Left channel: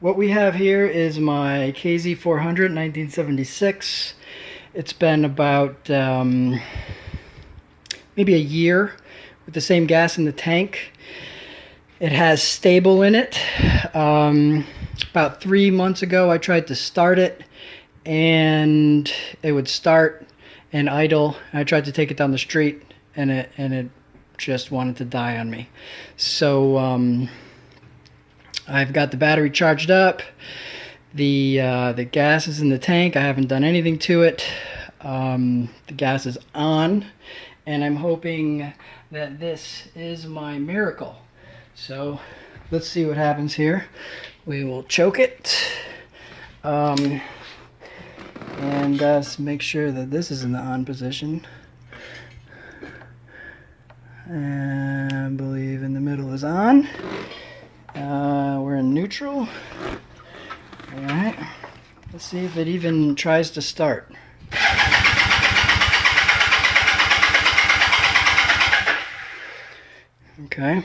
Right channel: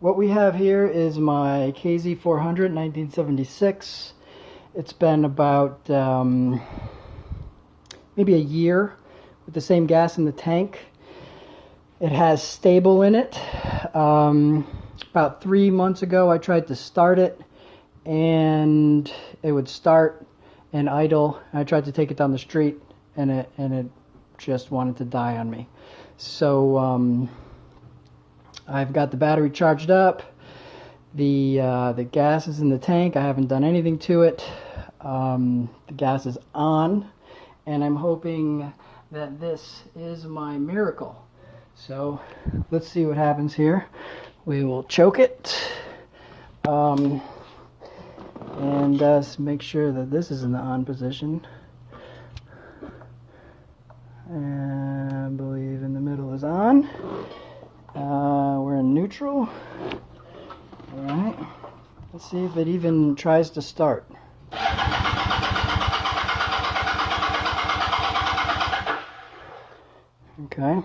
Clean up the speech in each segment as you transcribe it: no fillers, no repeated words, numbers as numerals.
What we have here is my KZ400 1976. It's been about maybe a year with the same gas in the tank. It has stable in it. About 3 months ago I tried to start it and it would start and idle. I tried to take it down the street and it just wanted to die on me. So I've got the battery charged up. The gas is in the tank. I haven't done anything to it. The gas is on, and I'm hoping that this is my miracle. So let's see what happens here. We will choke it, and make sure that this is in the on position. And I believe in the middle is on. We're in neutral. Alright, let's see if it even tries to start. Okay.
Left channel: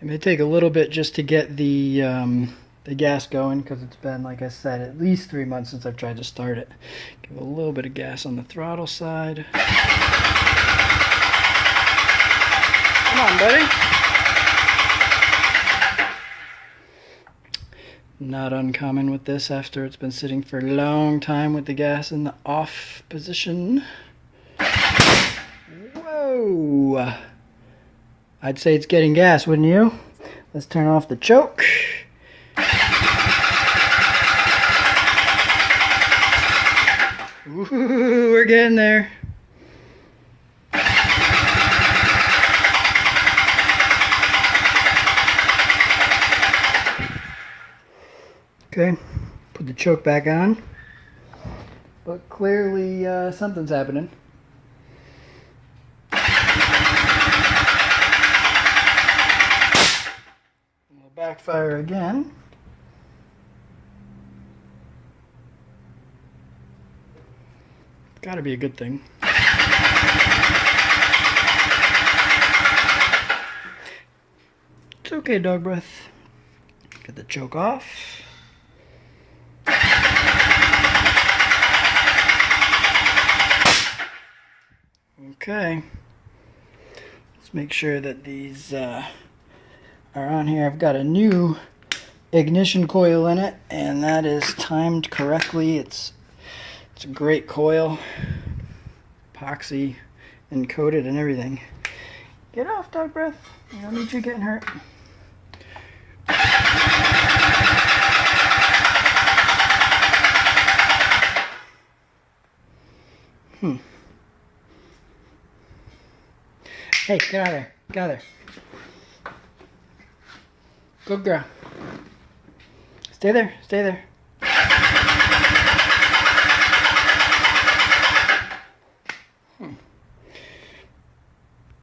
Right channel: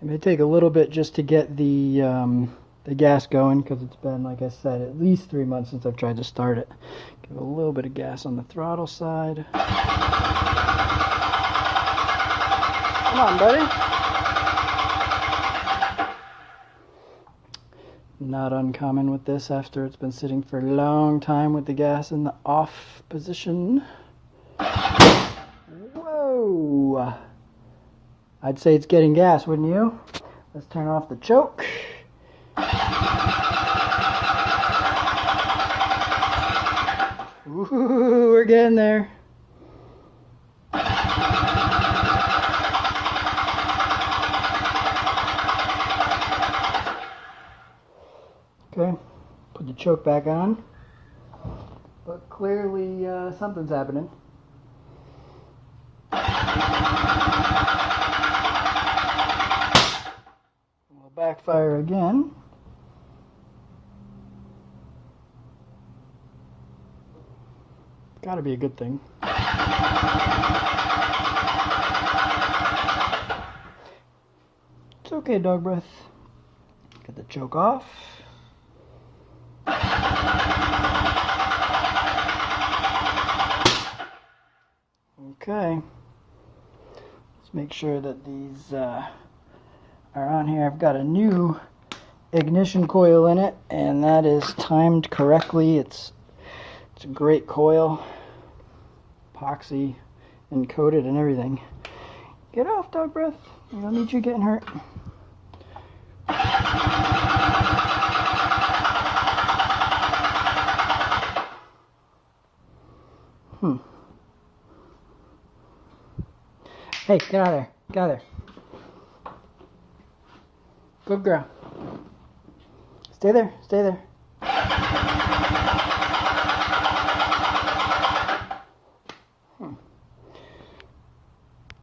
It may take a little bit just to get the gas going, because it's been, like I said, at least 3 months since I've tried to start it. Give a little bit of gas on the throttle side. Come on, buddy. Not uncommon with this after it's been sitting for a long time with the gas in the off position. Whoa! I'd say it's getting gas, wouldn't you? Let's turn off the choke. Ooh, we're getting there. Okay, put the choke back on. But clearly something's happening. We'll backfire again. Gotta be a good thing. It's okay, dog breath. Get the choke off. Okay. Let's make sure that these are on here. I've got a new ignition coil in it, and that is timed correctly. It's a great coil, epoxy and coated and everything. Get off, dog breath. I don't need you getting hurt. Hey, get out of there. Get out of there. Good girl. Stay there. Stay there.